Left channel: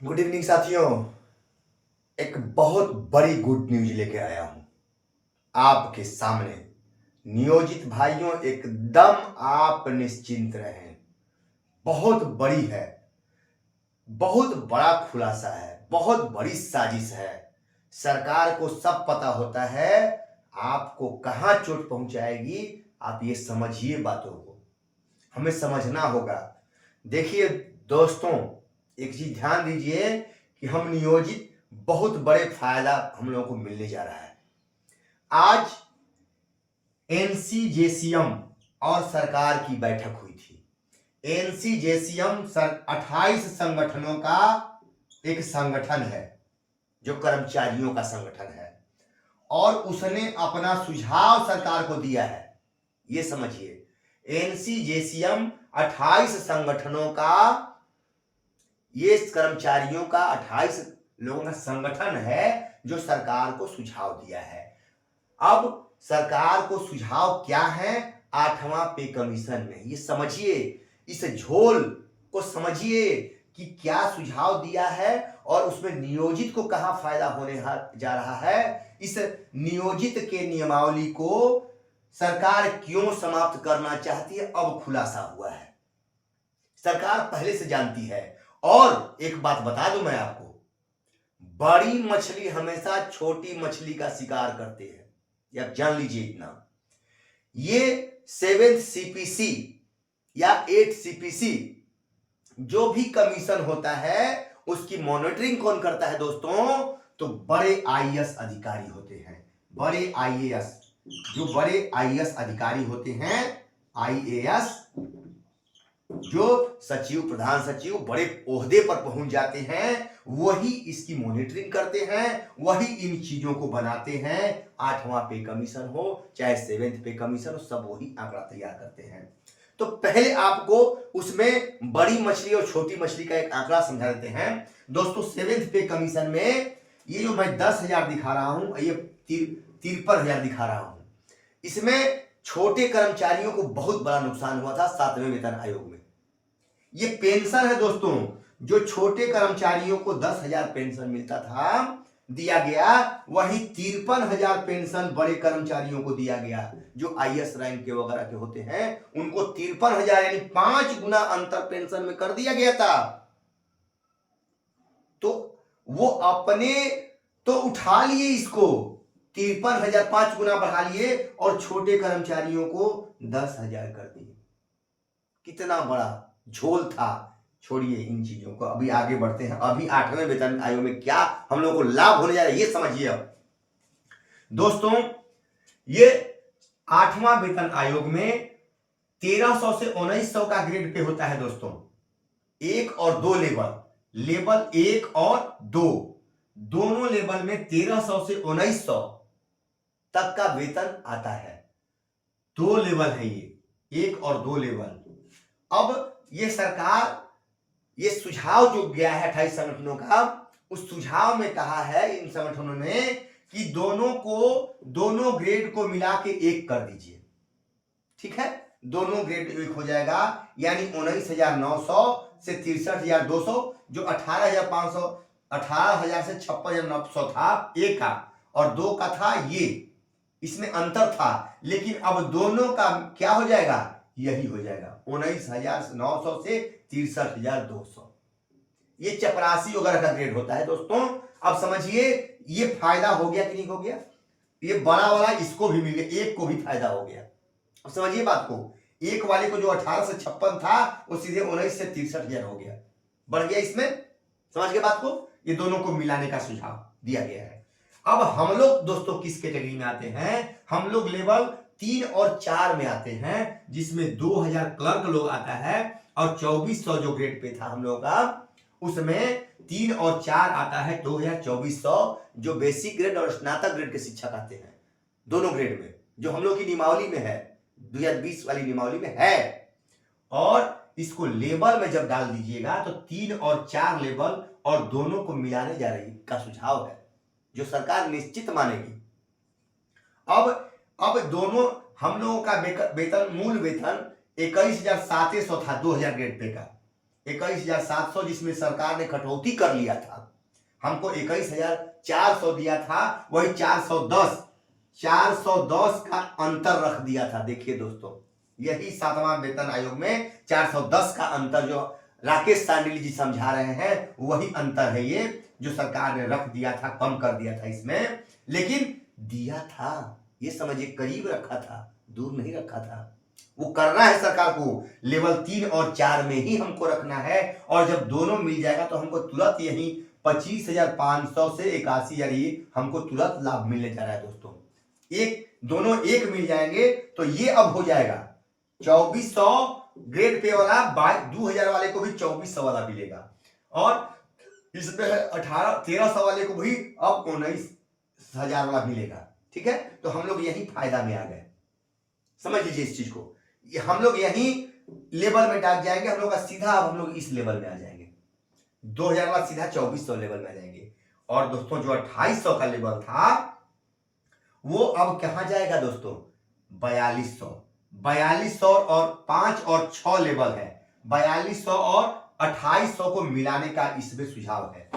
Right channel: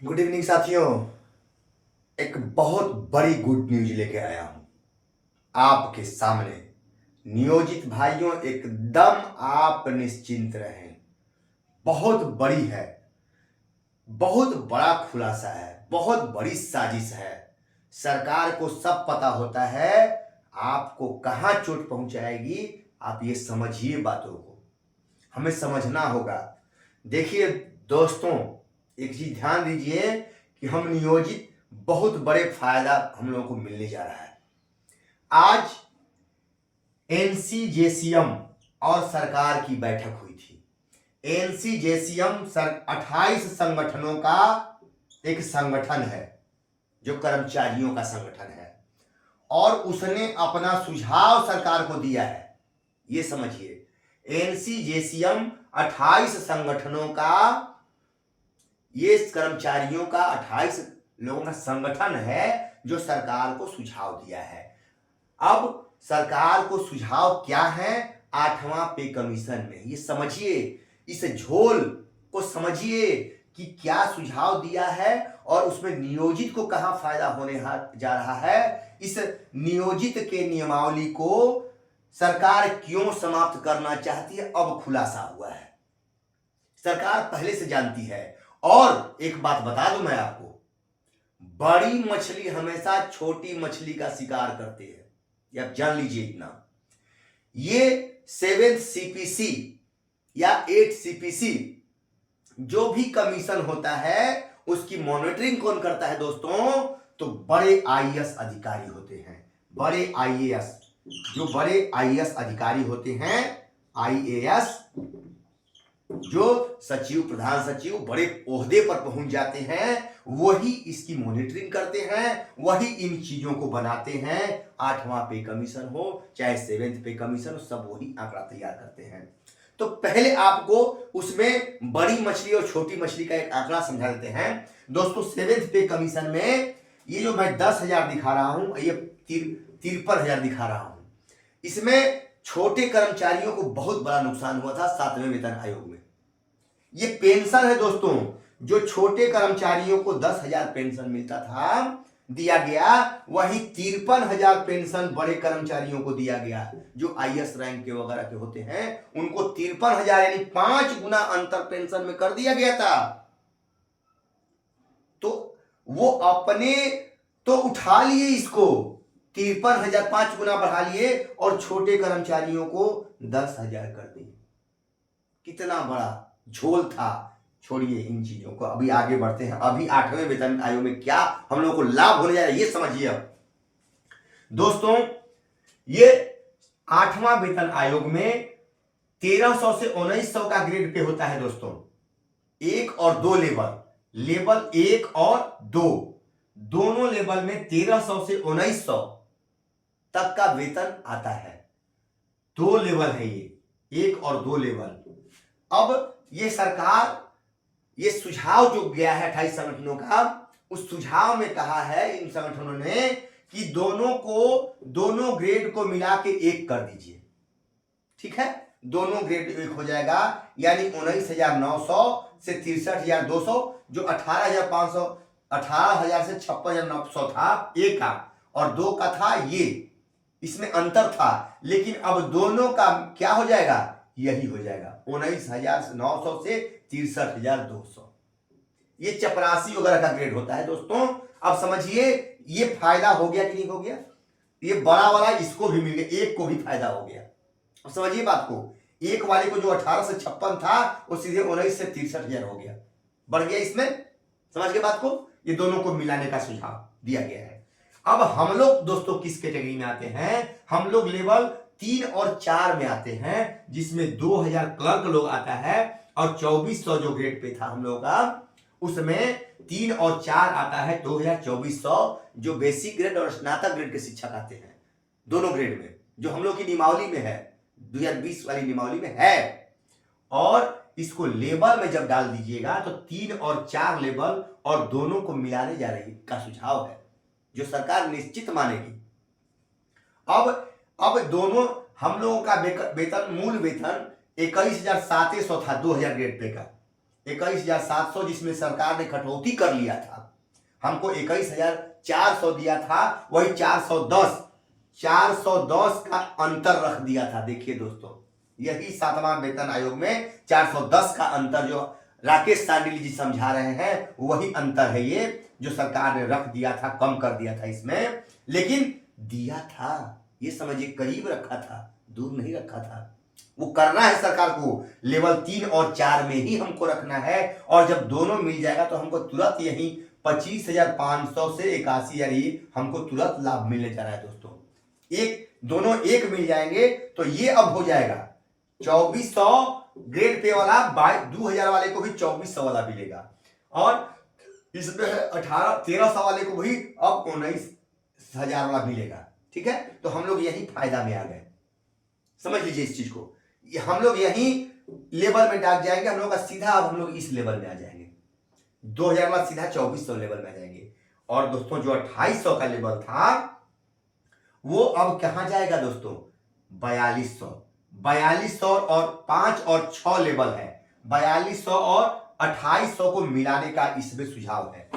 Good evening साथियों। एक बहुत बड़ी गुड न्यूज लेके आया हूं आपके सामने। नियोजित भाइयों, एकदम आप निश्चिंत रहें। बहुत बड़ी है, बहुत बड़ा खुलासा है, बहुत बड़ी साजिश है। सरकार को सब पता होता है आपको कहां चोट पहुंचाएगी। आप ये समझिए, बातों को हमें समझना होगा। देखिए दोस्तों, एक चीज ध्यान दीजिए कि हम नियोजित बहुत बड़े फायदा हम लोगों को मिलने जा रहा है। आज एनसीजेसीएम और सरकार की बैठक हुई थी। एनसीजेसीएम 28 संगठनों का एक संगठन है, जो कर्मचारियों का संगठन है, और उसने अपना सुझाव सरकार को दिया है। ये समझिए, एनसीजेसीएम 28 संगठनों का, ये कर्मचारियों का 28 लोगों का संगठन है जो सरकार को सुझाव दिया है। अब सरकार को सुझाव क्या है? 8वां पे कमीशन में, ये समझिए, इस झोल को समझिए कि क्या सुझाव दिया है और उसमें नियोजित को कहां फायदा होने जा रहा है। इस नियोजित के नियमावली को सरकार क्यों समाप्त करना चाहती है, अब खुलासा हुआ है। सरकार पहले से जानती है। और एक बात बता दूं मैं आपको, बड़ी मछली हमेशा छोटी मछली का शिकार करते हैं, ये आप जान लीजिए इतना। ये 7th सीपीसी या 8th सीपीसी जो भी कमीशन होता है, उसकी मॉनिटरिंग कौन करता है दोस्तों? तो बड़े आईएएस अधिकारी होते हैं। बड़े आईएएस, जो बड़े आईएएस अधिकारी होते हैं, आईएएस जो सचिव, प्रधान सचिव, बड़े ओहदे पर पहुंच जाते हैं, वही इसकी मॉनिटरिंग करते हैं, वही इन चीजों को बनाते हैं। 8वां पे कमीशन हो चाहे 7th पे कमीशन हो, सब वही आंकड़ा तैयार करते हैं। तो पहले आपको उसमें बड़ी मछली और छोटी मछली का एक आंकड़ा समझा देते हैं दोस्तों। 7th पे कमीशन में ये जो मैं 10,000 दिखा रहा हूं, ये 53,000 दिखा रहा हूं। इसमें छोटे कर्मचारियों को बहुत बड़ा नुकसान हुआ था 7वें वेतन आयोग में। ये पेंशन है दोस्तों, जो छोटे कर्मचारियों को 10,000 पेंशन मिलता था, दिया गया, वही 53,000 पेंशन बड़े कर्मचारियों को दिया गया, जो आईएएस रैंक के वगैरह के होते हैं, उनको 53,000 यानी 5 गुना अंतर पेंशन में कर दिया गया था। तो वो अपने तो उठा लिए इसको, 53,000 5 गुना बढ़ा लिए, और छोटे कर्मचारियों को 10,000 कर दिए। कितना बड़ा झोल था। छोड़िए इन चीजों को, अभी आगे बढ़ते हैं। अभी 8वें वेतन आयोग में क्या हम लोगों को लाभ होने जा रहा है, ये समझिए। अब दोस्तों, ये 8वां वेतन आयोग में 1300 से 1900 का ग्रेड पे होता है दोस्तों। 1 और 2 लेवल, लेवल 1 और 2, दोनों लेवल में 1300 से 1900 तक का वेतन आता है। 2 लेवल है ये, 1 और 2 लेवल। अब ये सरकार, ये सुझाव जो गया है 28 संगठनों का, उस सुझाव में कहा है इन संगठनों ने कि दोनों ग्रेड को मिला के 1 कर दीजिए। ठीक है, दोनों ग्रेड 1 हो जाएगा, यानी 19,900 से 63,200, जो 18,500, 18,000 से 56,900 था, 1 का, और 2 का था, ये इसमें अंतर था। लेकिन अब दोनों का क्या हो जाएगा? यही हो जाएगा, 19,900 से 63,200। ये चपरासी वगैरह का ग्रेड होता है दोस्तों। अब समझिए, ये फायदा हो गया कि नहीं हो गया? ये बड़ा वाला इसको भी मिल गया, 1 को भी फायदा हो गया। अब समझिए बात को, 1 वाले को जो 18 से 56 था, वो सीधे 19 से 63,000 हो गया, बढ़ गया इसमें। समझ गए बात को? ये दोनों को मिलाने का सुझाव दिया गया है। अब हम लोग दोस्तों किस कैटेगरी में आते हैं? हम लोग लेवल 3 और 4 में आते हैं, जिसमें 2,000 क्लर्क लोग आता है, और 2400 जो ग्रेड पे था हम लोगों का, उसमें 3 और 4 आता है 2,2400, जो बेसिक ग्रेड और स्नातक ग्रेड के शिक्षक आते हैं, दोनों ग्रेड में, जो हम लोग की नियमावली में है, 2020 वाली नियमावली में है। और इसको लेवल में जब डाल दीजिएगा तो 3 और 4 लेवल और दोनों को मिलाने जा रही का सुझाव है, जो सरकार निश्चित मानेगी। अब दोनों हम लोगों का वेतन, मूल वेतन 21,700 था 2000 ग्रेड पे का, 21,700 जिसमें सरकार ने कटौती कर लिया था, हमको 21,400 दिया था, वही 410 का अंतर रख दिया था। देखिए दोस्तों, यही 7वां वेतन आयोग में 410 का अंतर जो राकेश सांडिल जी समझा रहे हैं, वही अंतर है ये जो सरकार ने रख दिया था, कम कर दिया था इसमें। लेकिन दिया था, ये समझिए करीब रखा था, दूर नहीं रखा था। वो करना है सरकार को, लेवल 3 और 4 में ही हमको रखना है। और जब दोनों मिल जाएगा तो हमको तुरंत यही 25,500 से 81,000 ही हमको तुरंत लाभ मिलने जा रहा है दोस्तों। दोनों एक मिल जाएंगे तो ये अब हो जाएगा 2400 ग्रेड पे वाला, 2,000 वाले को भी 2400 वाला मिलेगा, और इसमें 1300 वाले को भी अब 19,000 वाला मिलेगा। ठीक है, तो हम लोग यही फायदा में आ गए, समझ लीजिए इस चीज को। हम लोग यही लेवल में डाल जाएंगे, हम लोग का सीधा अब हम लोग इस लेवल में आ जाएंगे, 2,000 वाला सीधा 2400 लेवल में आ जाएंगे। और दोस्तों जो 2800 का लेवल था वो अब कहां जाएगा दोस्तों, 4200 और 5 और 6 लेवल है, 4200 और 2800 को मिलाने का इसमें सुझाव है।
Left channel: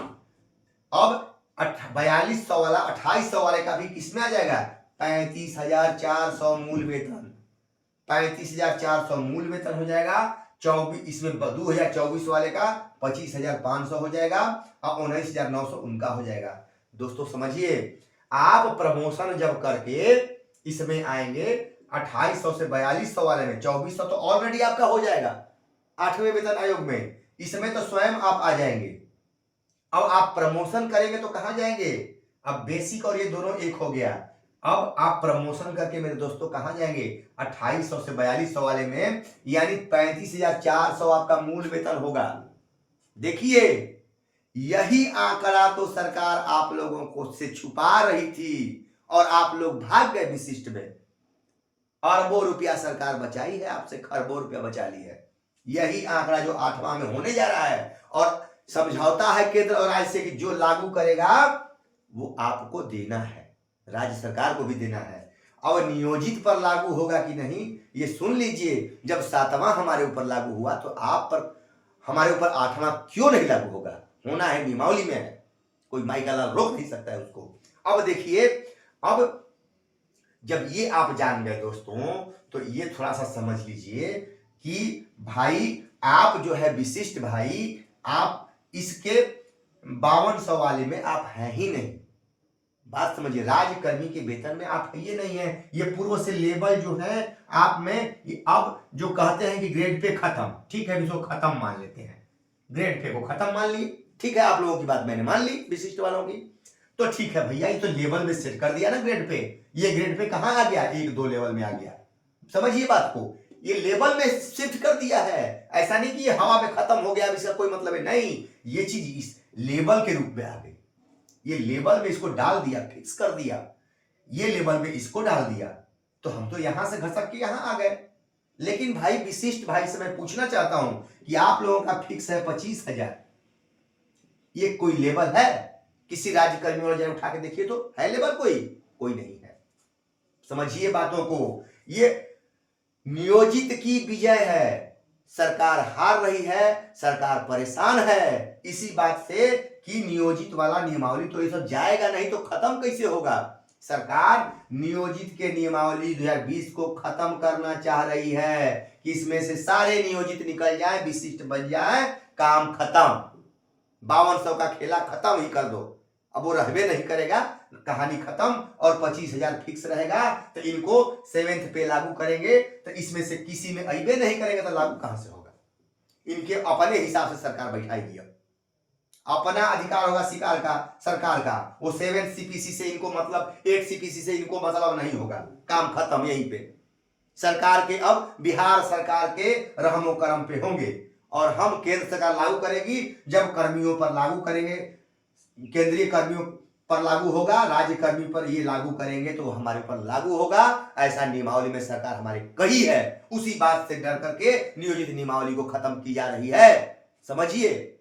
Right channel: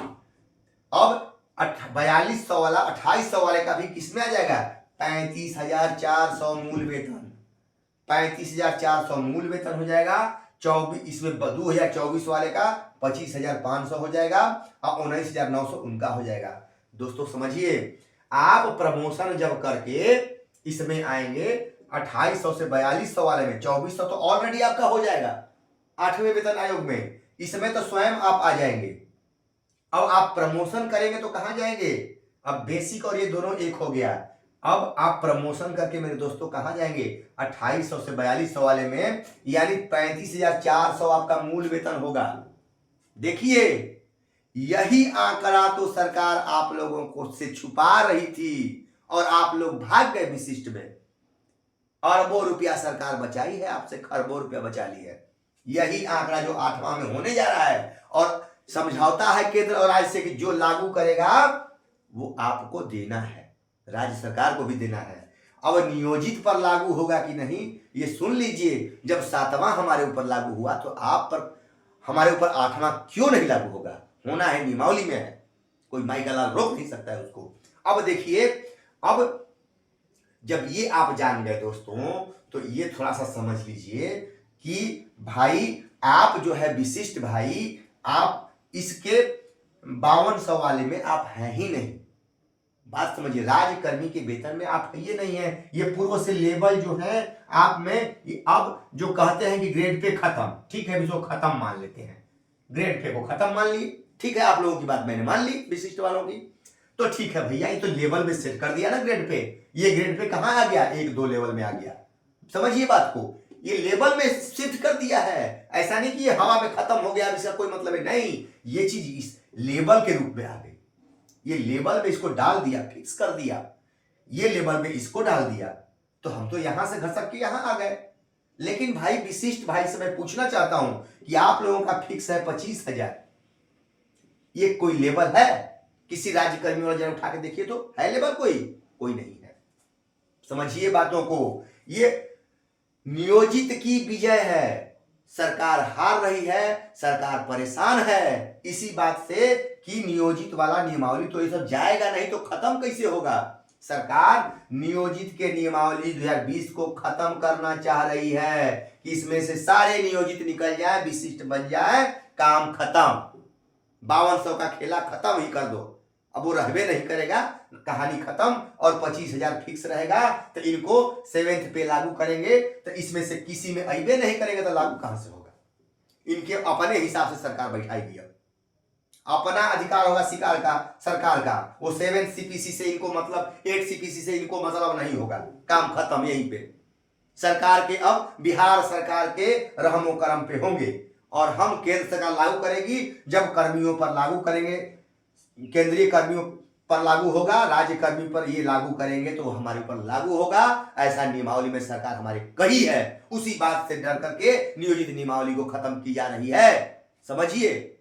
अब 4200 वाला 2800 वाले का भी किसमें आ जाएगा, 35,400 मूल वेतन, 35,400 मूल वेतन हो जाएगा। 24 इसमें 2024 वाले का 25,500 हो जाएगा और 19,900 उनका हो जाएगा। दोस्तों समझिए, आप प्रमोशन जब करके इसमें आएंगे 2800 से 4200 वाले में, 2400 तो ऑलरेडी आपका हो जाएगा 8वें वेतन आयोग में, इसमें तो स्वयं आप आ जाएंगे। अब आप प्रमोशन करेंगे तो कहां जाएंगे, अब बेसिक और ये दोनों एक हो गया। अब आप प्रमोशन करके मेरे दोस्तों कहां जाएंगे, 2800 से 4200 वाले में, यानी 35,400 आपका मूल वेतन होगा। देखिए, यही आंकड़ा तो सरकार आप लोगों को से छुपा रही थी और आप लोग भाग गए विशिष्ट में। अरबों रुपया सरकार बचाई है आपसे, खरबों रुपया बचा ली है। यही आंकड़ा जो 8वां में होने जा रहा है, और समझौता है केंद्र और राज्य से कि जो लागू करेगा वो आपको देना है, राज्य सरकार को भी देना है। अब नियोजित पर लागू होगा कि नहीं ये सुन लीजिए। जब 7वां हमारे ऊपर लागू हुआ तो आप पर हमारे ऊपर 8वां क्यों नहीं लागू होगा, होना है, नियमावली में है, कोई माई का लाल रोक नहीं सकता है उसको। अब देखिए, अब जब ये आप जान गए दोस्तों, तो ये थोड़ा सा समझ लीजिए कि भाई आप जो है विशिष्ट भाई, आप इसके 5200 वाले में आप हैं ही नहीं। बात समझिए, राज्यकर्मी के वेतन में आप ये नहीं है, ये पूर्व से लेवल जो है आप में, अब जो कहते हैं कि ग्रेड पे खत्म, ठीक है, इसको खत्म मान लेते हैं, ग्रेड पे को खत्म मान लिए, ठीक है, आप लोगों की बात मैंने मान ली विशिष्ट वालों की, तो ठीक है भैया, ये तो लेवल में सेट कर दिया ना ग्रेड पे। ये ग्रेड पे कहां आ गया, 1-2 लेवल में आ गया। समझिए बात को, ये लेवल में शिफ्ट कर दिया है, ऐसा नहीं कि ये हवा में खत्म हो गया, इसका कोई मतलब है नहीं, ये चीज इस लेवल के रूप में आ गई। ये लेवल में इसको डाल दिया, फिक्स कर दिया, ये लेवल में इसको डाल दिया, तो हम तो यहां से घसक के यहां आ गए। लेकिन भाई विशिष्ट भाई से मैं पूछना चाहता हूं कि आप लोगों का फिक्स है 25,000, ये कोई लेवल है, किसी राज्यकर्मी वाला जरा उठा के देखिए तो है लेवल, कोई नहीं है। समझिए बातों को, ये नियोजित की विजय है, सरकार हार रही है, सरकार परेशान है इसी बात से कि नियोजित वाला नियमावली तो ये सब जाएगा नहीं तो खत्म कैसे होगा। सरकार नियोजित के नियमावली 2020 को खत्म करना चाह रही है कि इसमें से सारे नियोजित निकल जाए, विशिष्ट बन जाए, काम खत्म, 5200 का खेला खत्म ही कर दो, अब वो रहबे नहीं करेगा, कहानी खत्म, और 25,000 फिक्स रहेगा। तो इनको 7th पे लागू करेंगे, तो इसमें से किसी में अइबे नहीं करेगा तो लागू कहां से होगा, इनके अपने हिसाब से सरकार बैठाएगी, अपना अधिकार होगा शिकार का, सरकार का, वो 7 CPC से इनको मतलब, 8 CPC से इनको मतलब नहीं होगा, काम खत्म यहीं पे। सरकार के अब बिहार सरकार के रहमो करम पे होंगे, और हम केंद्र सरकार लागू करेगी, जब कर्मियों पर लागू करेंगे, केंद्रीय कर्मियों पर लागू होगा, राज्य कर्मी पर ये लागू करेंगे तो हमारे ऊपर लागू होगा, ऐसा नियमावली में सरकार हमारी कही है। उसी बात से डर करके नियोजित नियमावली को खत्म की जा रही है, समझिए।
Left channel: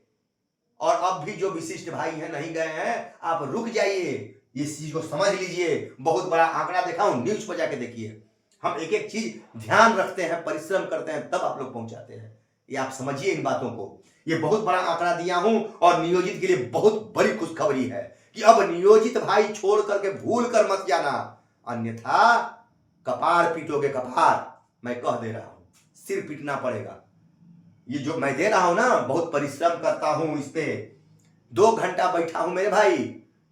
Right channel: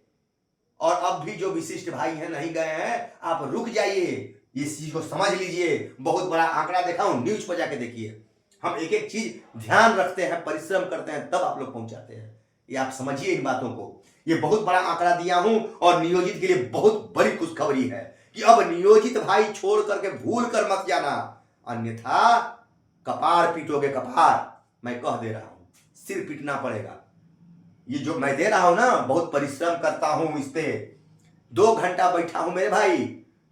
और अब भी जो विशिष्ट भाई हैं नहीं गए हैं, आप रुक जाइए, इस चीज को समझ लीजिए। बहुत बड़ा आंकड़ा देखा हूं, न्यूज पर जाके देखिए, हम एक एक चीज ध्यान रखते हैं, परिश्रम करते हैं, तब आप लोग पहुंचाते हैं। ये आप समझिए इन बातों को। ये बहुत बड़ा आंकड़ा दिया हूं और नियोजित के लिए बहुत बड़ी खुशखबरी है कि अब नियोजित भाई छोड़ करके भूल कर मत जाना, अन्यथा कपार पीटोगे कपार। मैं कह दे रहा हूं, सिर पीटना पड़ेगा। ये जो मैं दे रहा हूं ना, बहुत परिश्रम करता हूं इस पे, 2 घंटा बैठा हूं मेरे भाई,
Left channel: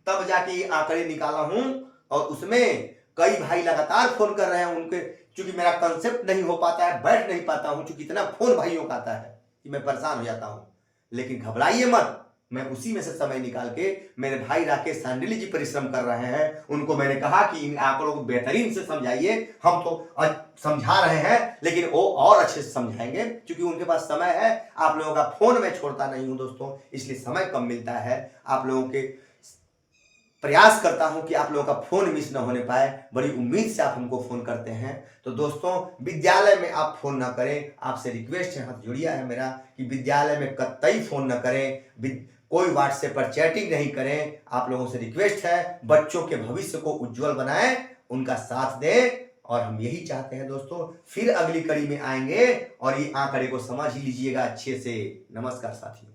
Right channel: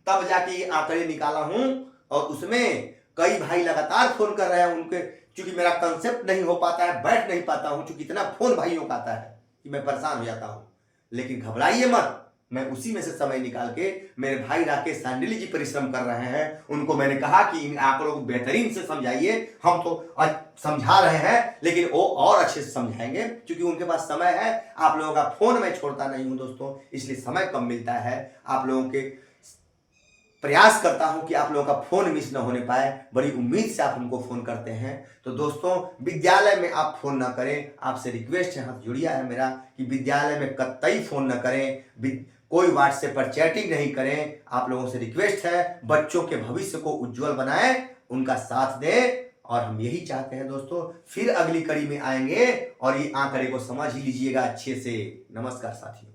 तब जाके ये आंकड़े निकाला हूं। और उसमें कई भाई लगातार फोन कर रहे हैं, उनके चूंकि मेरा कंसेप्ट नहीं हो पाता है, बैठ नहीं पाता हूं, चूंकि इतना फोन भाइयों का आता है कि मैं परेशान हो जाता हूं। लेकिन घबराइए मत, मैं उसी में से समय निकाल के, मेरे भाई राकेश सांडिली जी परिश्रम कर रहे हैं, उनको मैंने कहा कि इन आंकड़ों को बेहतरीन से समझाइए। हम तो समझा रहे हैं, लेकिन वो और अच्छे से समझाएंगे, क्योंकि उनके पास समय है। आप लोगों का फोन मैं छोड़ता नहीं हूं दोस्तों, इसलिए समय कम मिलता है। आप लोगों के प्रयास करता हूं कि आप लोगों का फोन मिस न होने पाए, बड़ी उम्मीद से आप हमको फोन करते हैं। तो दोस्तों, विद्यालय में आप फोन ना करें, आपसे रिक्वेस्ट है, हाथ जोड़िया है मेरा कि विद्यालय में कतई फोन न करें, कोई व्हाट्सएप पर चैटिंग नहीं करें। आप लोगों से रिक्वेस्ट है, बच्चों के भविष्य को उज्जवल बनाएं, उनका साथ दें, और हम यही चाहते हैं दोस्तों। फिर अगली कड़ी में आएंगे और ये आंकड़े को समझ ही लीजिएगा अच्छे से। नमस्कार साथियों।